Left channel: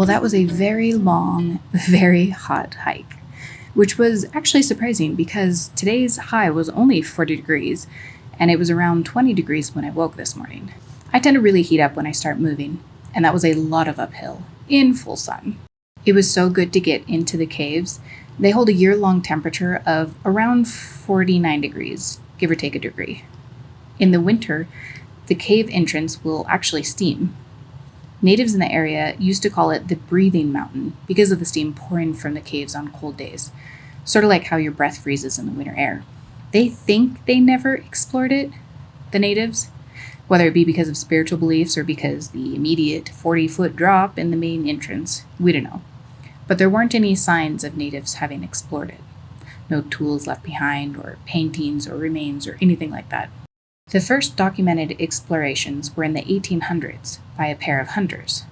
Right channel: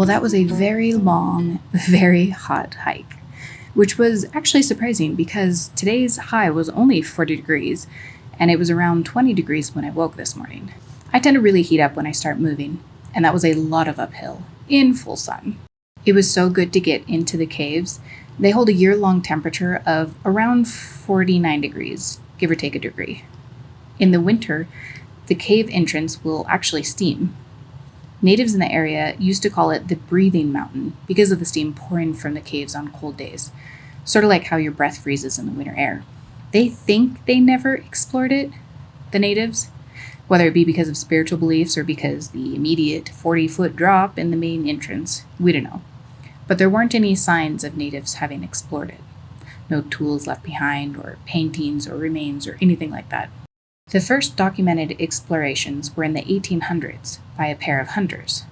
Well, that was a very long, very hot hike, which was actually surprising because today's high was only 40 degrees and it was around 20 degrees when I woke this morning. I tend to really heat up when I start moving, and that was a lot of uphill in full sun. It was so good to get into the caves. They hold a year-long temperature of around 49 degrees, give or take a degree. In the winter, the cave entrance will actually steam. Natives in the area used to call it the breathing mountain because of the steam pouring from the caves on cold days, sort of like how your breath freezes in the winter air. They think they never explored it, the natives, whether it be because of spiritual beliefs or because the immediate 40-foot drop in the main entrance, we don't know. But there weren't any signs of natives having explored it. No tools left behind, or paintings or remains or anything like that. The first documented explorations were in the 1800s by a pair of hunters.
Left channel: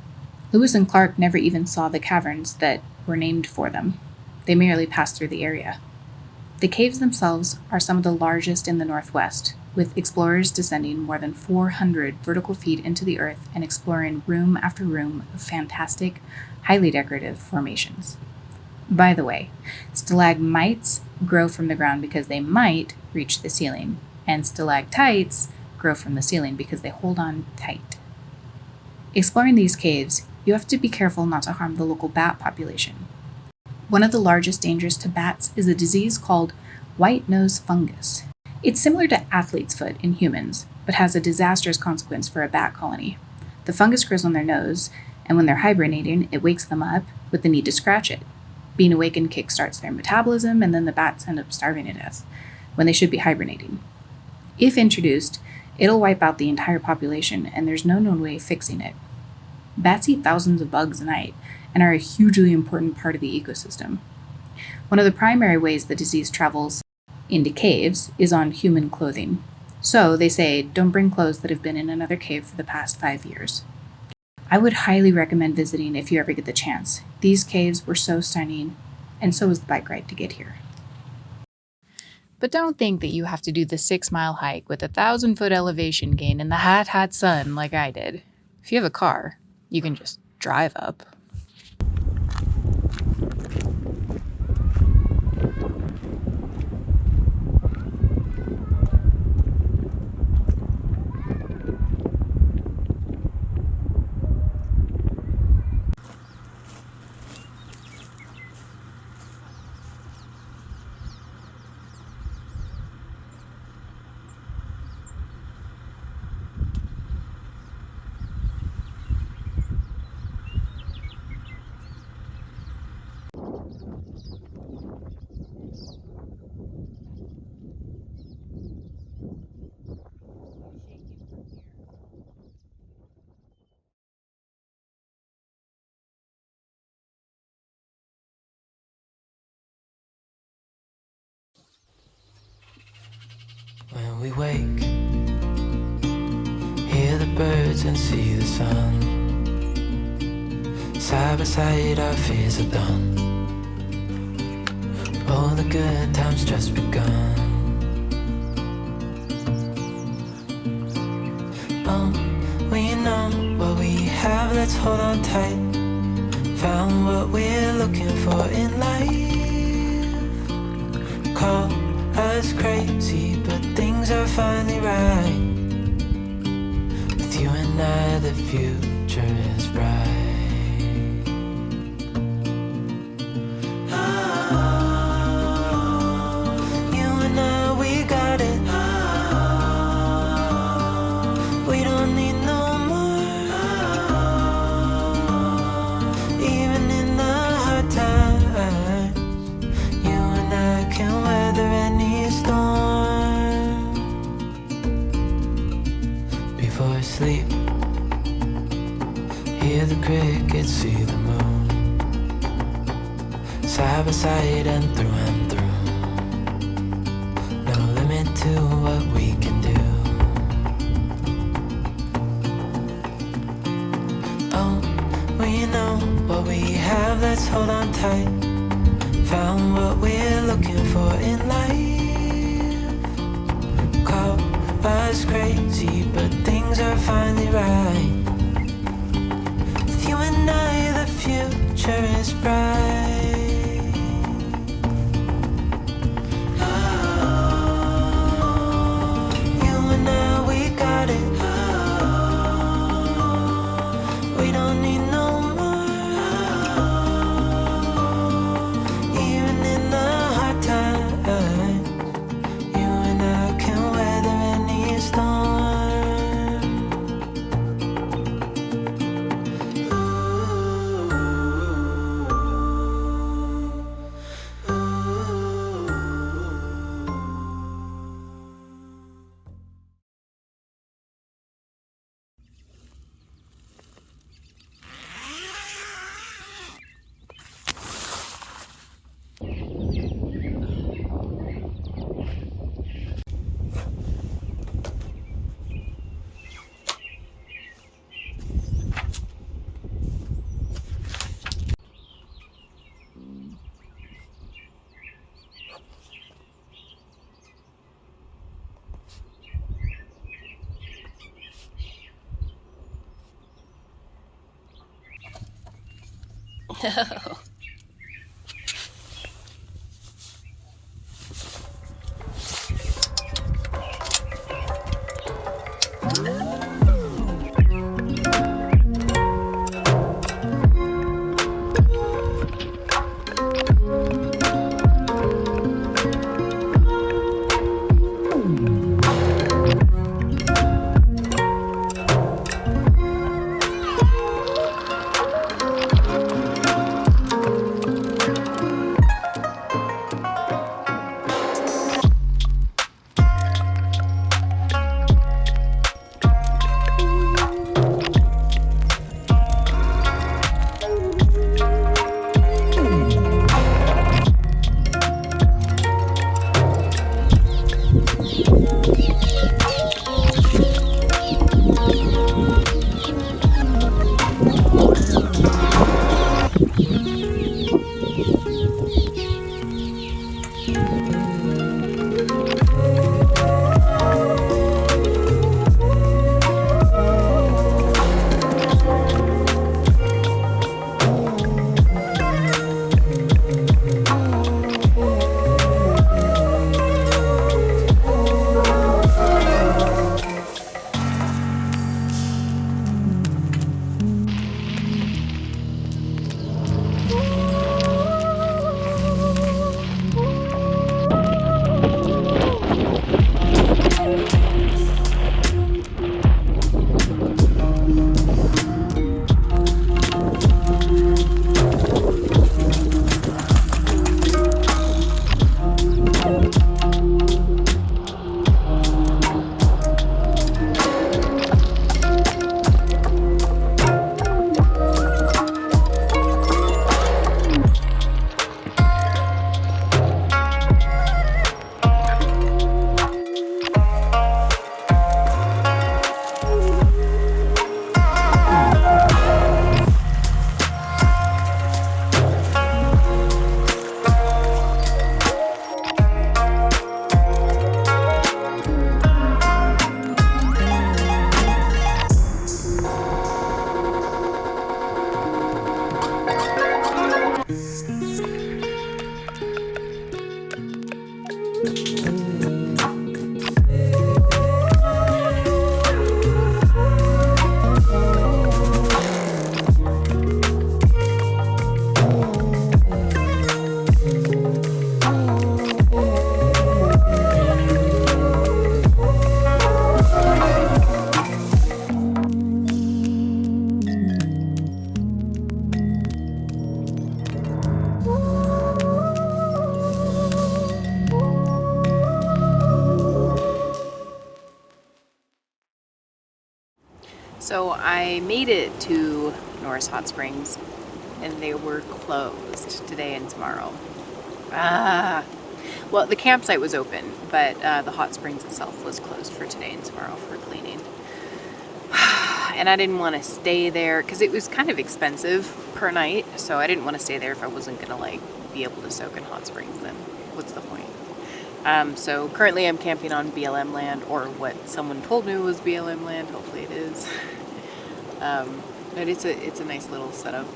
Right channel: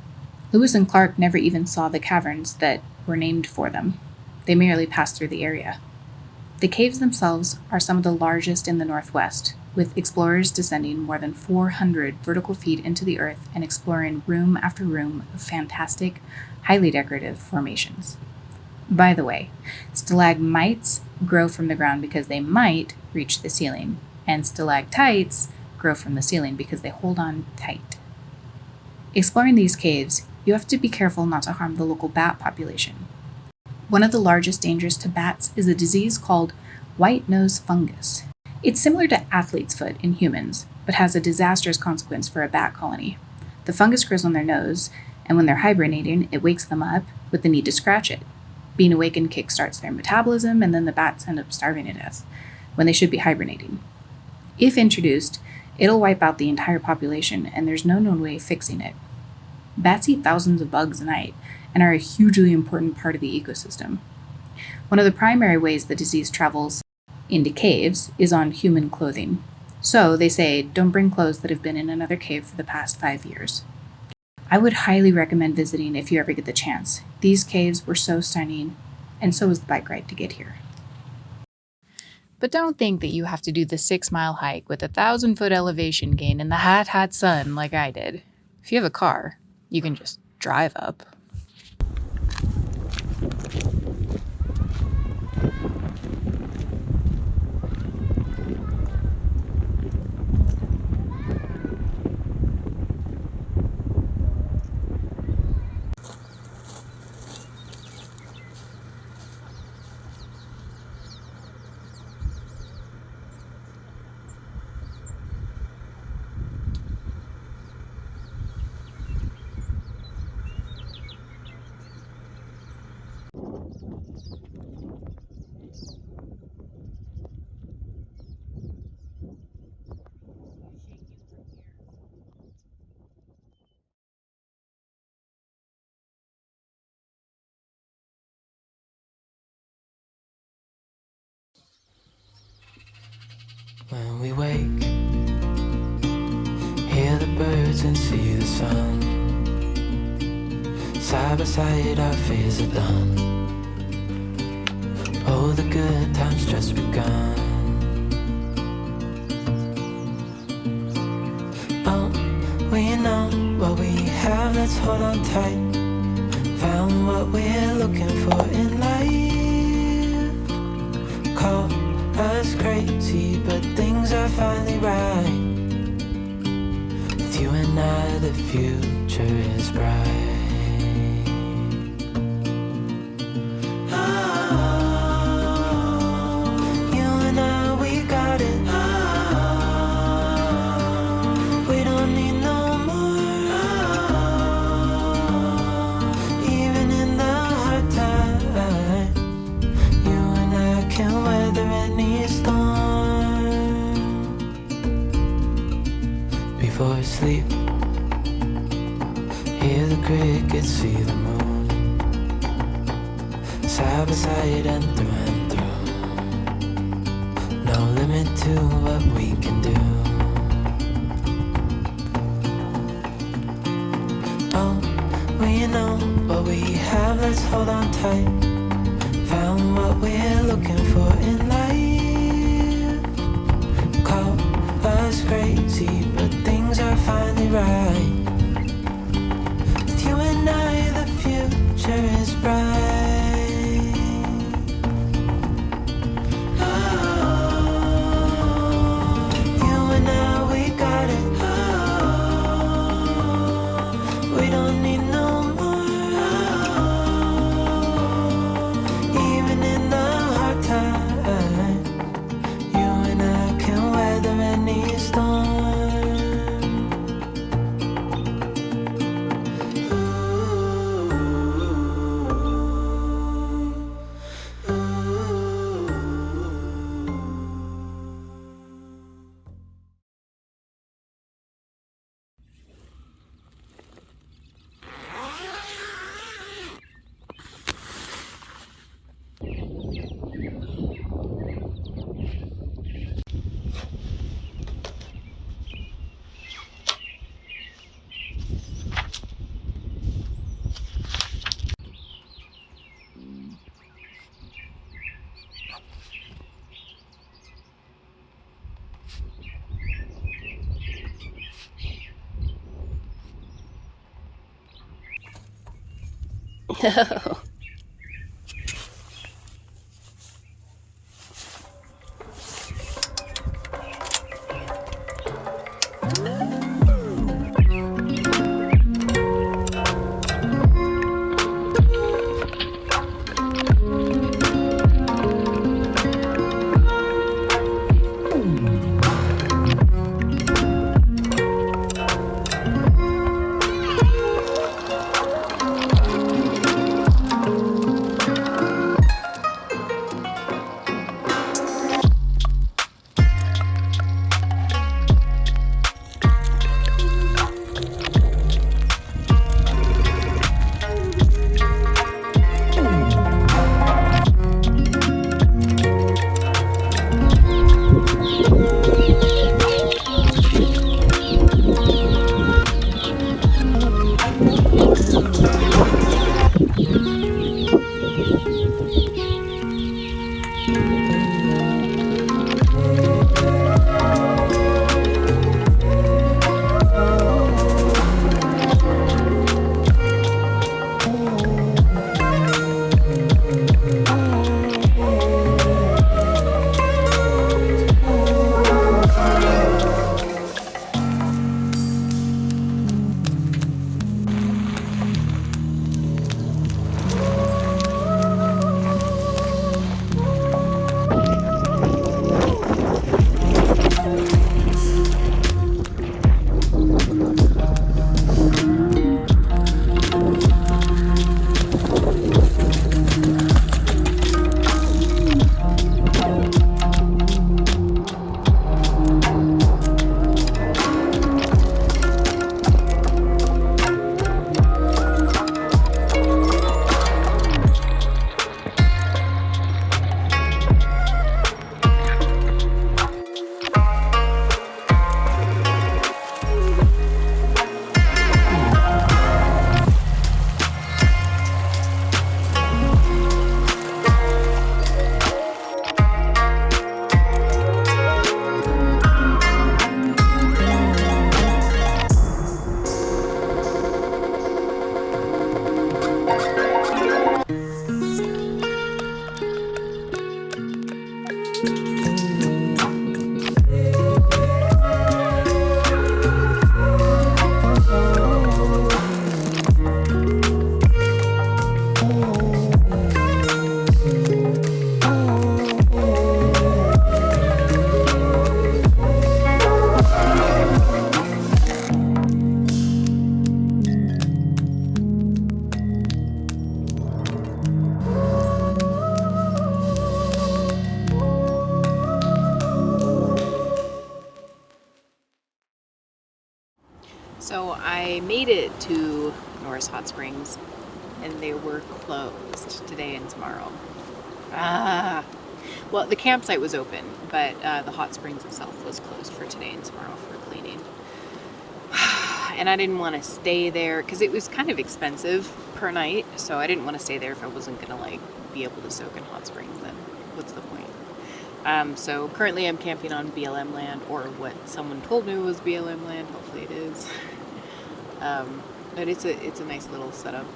Lewis and Clark never even saw the caverns that were named for them. They merely passed through the area. The caves themselves are some of the largest in the Northwest, with explorers descending more than 400 vertical feet into the earth and exploring room after room of fantastic, highly decorative formations. By the way, stalagmites grow from the ground because they might reach the ceiling, and stalactites grow from the ceiling because they hold on tight. Exploring these caves, you have to be careful not to harm the local bat population. One of the largest dangers to bats is a disease called white nose fungus. It's similar to athlete's foot in humans, but has a disastrous consequence for a bat colony. The fungus grows on their nose, and when they're hibernating, it wakes them up with the need to scratch it. Being awakened kickstarts their metabolism, and then the bats end up starving to death when they should be hibernating. If introduced, it'll wipe out the entire population, and there's no known way of fixing it. Bats eat thousands of bugs a night and are a hugely important part of the ecosystem. One of the primary ways the disease travels into caves is on human clothing. So they say, don't bring clothes that have been in another cave for the past 5 years. I would highly recommend visiting if you ever get the chance. These caves were so stunning, and so was the bike ride to get here. But don't think that you have to do the 6-mile hike with a 1,000-foot elevation gain in the hot sun like I did. If you have a car, you can just drive up. When we wake, hear the birds and see the sun. Side by side our fears are done. Oh, the good times just begun. Oh, we know what we have, let's hold on tight. Found what we're looking for in life. Call us crazy, but things are finally right. With you and I, the future is bright. Oh, you and I, we got it. Oh, we don't need no more. Oh, even in the hard times, you and I can weather any storm. Before I sleep, hear the crickets, see the moon. Side by side and through. No limit to what we can do. Oh, we know what we have, let's hold on tight. Found what we're looking for in life. Call us crazy, but things are finally right. With you and I, the future future is bright. You and I, we got it. We don't need no more. Even in the hard times, you and I can weather any storm. So I made it to Norris Hot Springs and they were closed today and tomorrow. Well, the campsite was open, but the hot springs itself was closed for today and tomorrow for cleaning. And I didn't want to stay there because it was kind of expensive per night, so I didn't want to stay there if I wasn't gonna like be able to soak in hot springs. Then what's the point? So currently I'm camping on BLM land, or what someone told me was BLM land. Hopefully it is. But it's a nice little setup.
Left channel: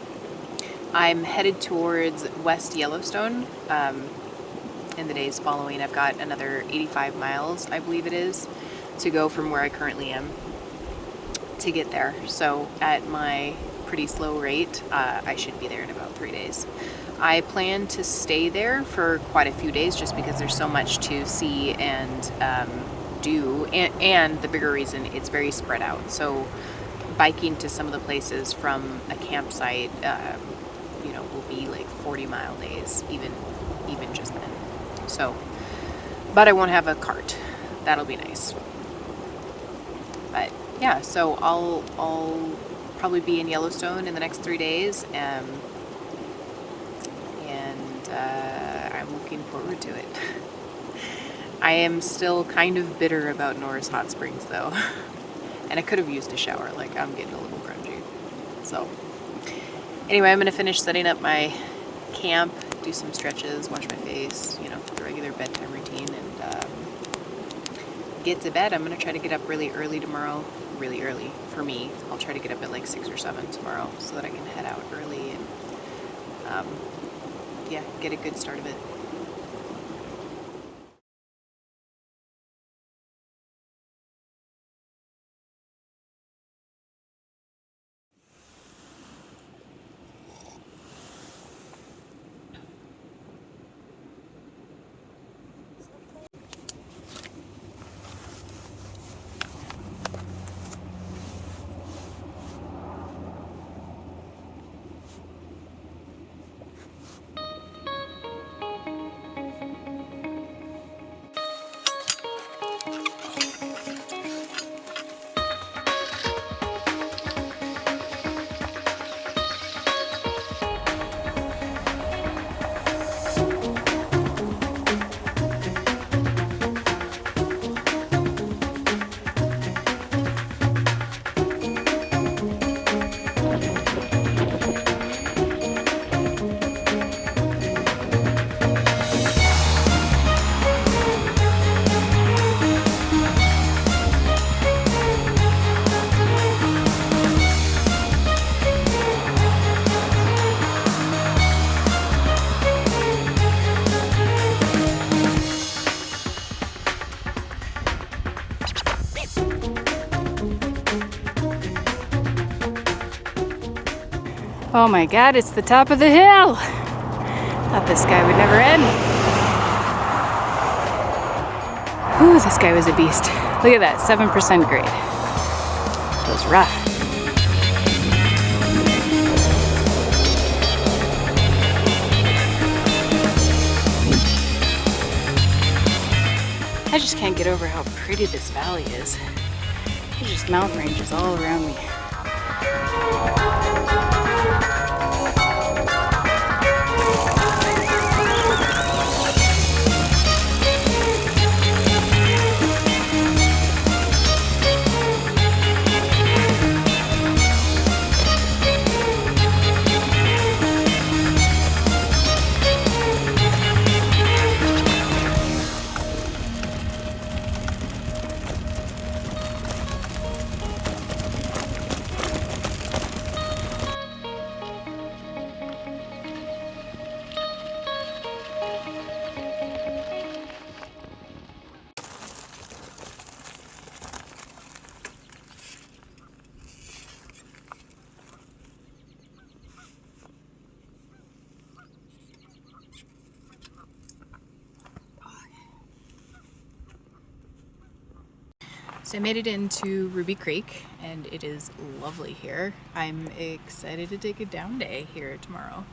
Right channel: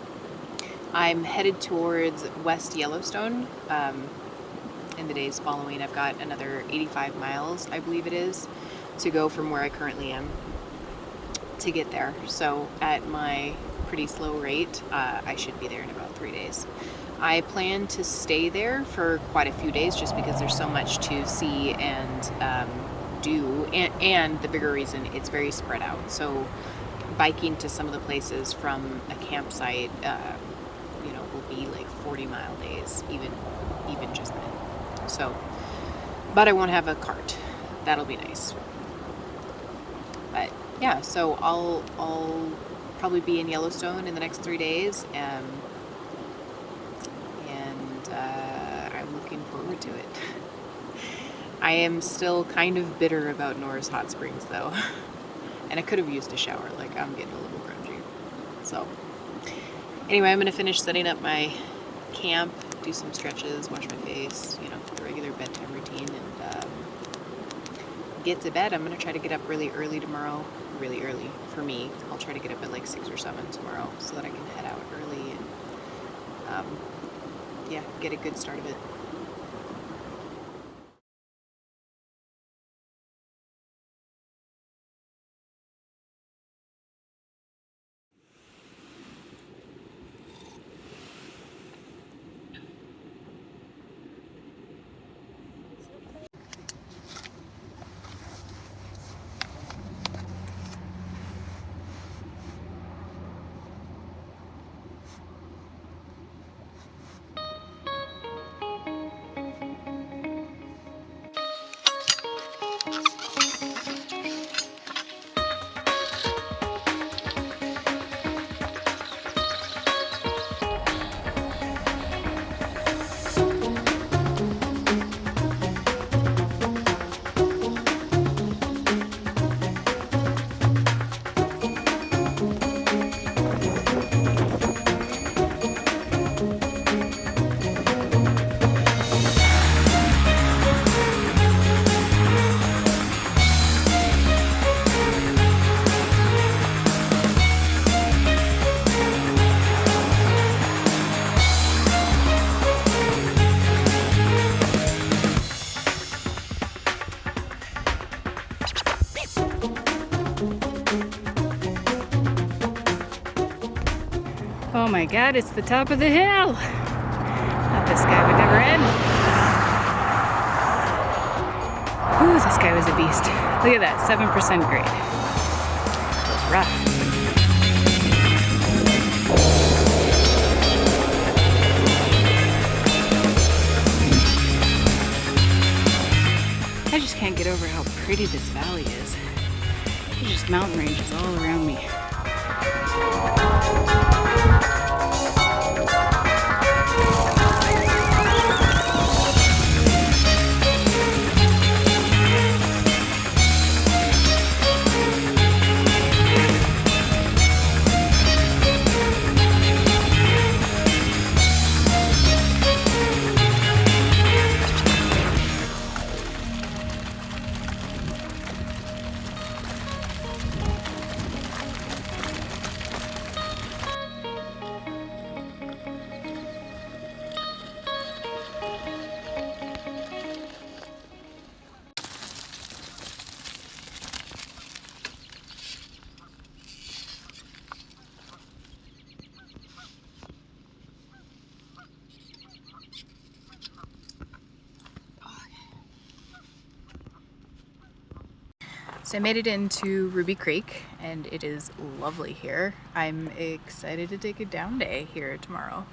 I'm headed towards West Yellowstone in the days following. I've got another 85 miles, I believe it is, to go from where I currently am to get there. So at my pretty slow rate, I should be there in about 3 days. I plan to stay there for quite a few days just because there's so much to see and do, and the bigger reason, it's very spread out. So biking to some of the places from a campsite, will be like 40-mile days, even just then. So, but I won't have a cart. That'll be nice. But yeah, so I'll probably be in Yellowstone in the next 3 days, and I'm looking forward to it. I am still kind of bitter about Norris Hot Springs though, and I could have used a shower. Like, I'm getting a little grungy. So anyway, I'm gonna finish setting up my camp, do some stretches, wash my face, the regular bedtime routine, and get to bed. I'm gonna try to get up really early tomorrow. Really early for me. I'll try to get up at like 6 or 7 tomorrow so that I can head out early and get a good start of it. Oh my God, it's the top of the hill. Thought this guy would never end. Ooh, this guy was a beast. Look at that, 7% grade. It was rough. I just can't get over how pretty this valley is. There's just mountain ranges all around me. So I made it into Ruby Creek, and it is lovely here. I'm excited to take a down day here tomorrow.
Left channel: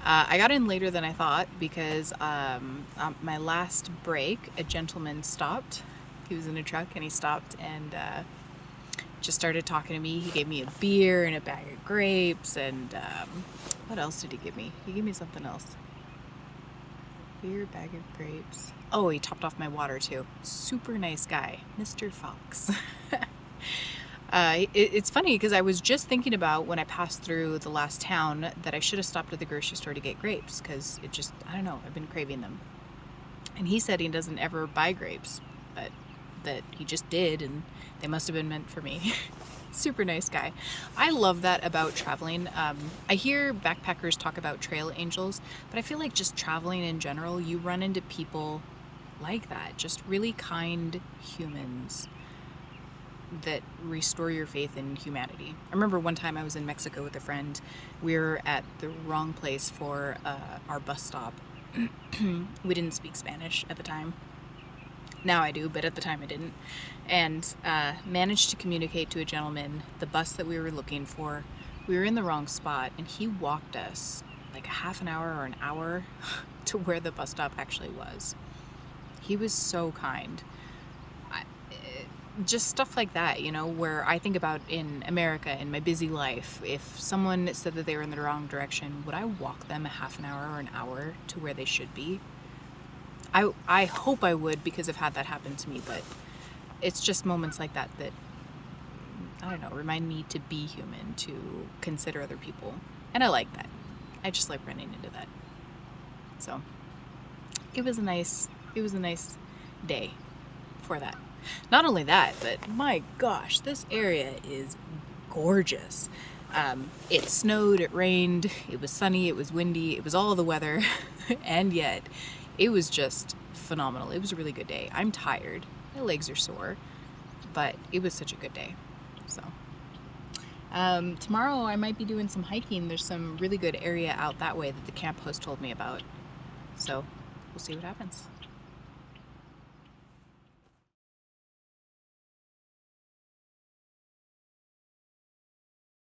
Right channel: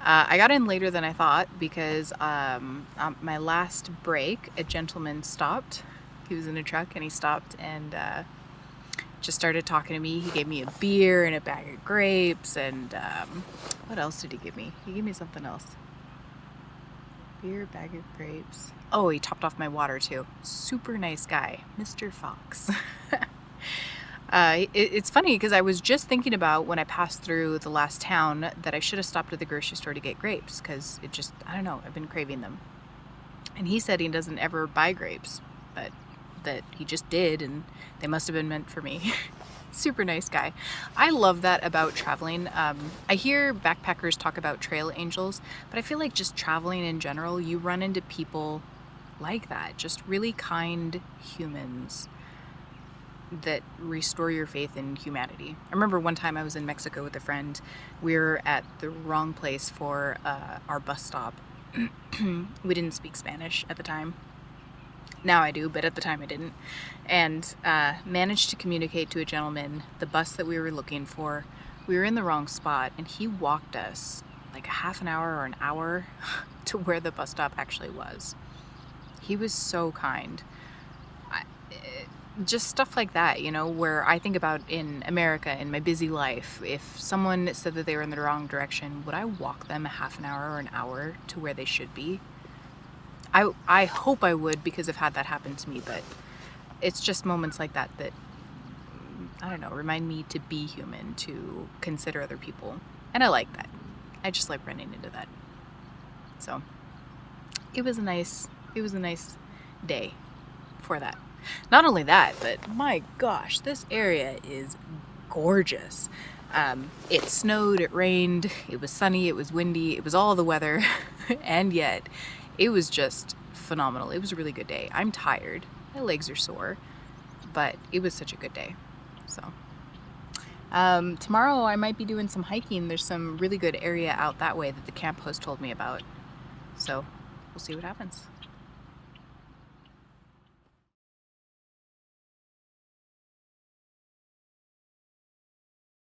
I got in later than I thought because on my last break, a gentleman stopped. He was in a truck and he stopped and just started talking to me. He gave me a beer and a bag of grapes, and what else did he give me? He gave me something else. Beer, bag of grapes. Oh, he topped off my water too. Super nice guy, Mr. Fox. It's funny because I was just thinking about when I passed through the last town that I should have stopped at the grocery store to get grapes because it just, I don't know, I've been craving them. And he said he doesn't ever buy grapes, but that he just did, and they must have been meant for me. Super nice guy. I love that about traveling. I hear backpackers talk about trail angels, but I feel like just traveling in general, you run into people like that, just really kind humans that restore your faith in humanity. I remember one time I was in Mexico with a friend. We were at the wrong place for our bus stop. We didn't speak Spanish at the time. Now I do, but at the time I didn't. And managed to communicate to a gentleman the bus that we were looking for. We were in the wrong spot, and he walked us like a half an hour or an hour to where the bus stop actually was. He was so kind. Just stuff like that, you know, where I think about in America, in my busy life, if someone said that they were in the wrong direction, would I walk them a half an hour or an hour to where they should be? I hope I would, because I've had that happen to me, but it's just moments like that that, I don't know, remind me to be human, to consider other people. And I like that. I just like running into that. So it was a nice day for that. Not only that, but my gosh, this area is gorgeous. It snowed, it rained, it was sunny, it was windy, it was all the weather, and yet it was just phenomenal. It was a really good day. I'm tired, my legs are sore, but it was such a good day. So tomorrow I might be doing some hiking. There's some really good area out that way that the camp host told me about. So we'll see what happens.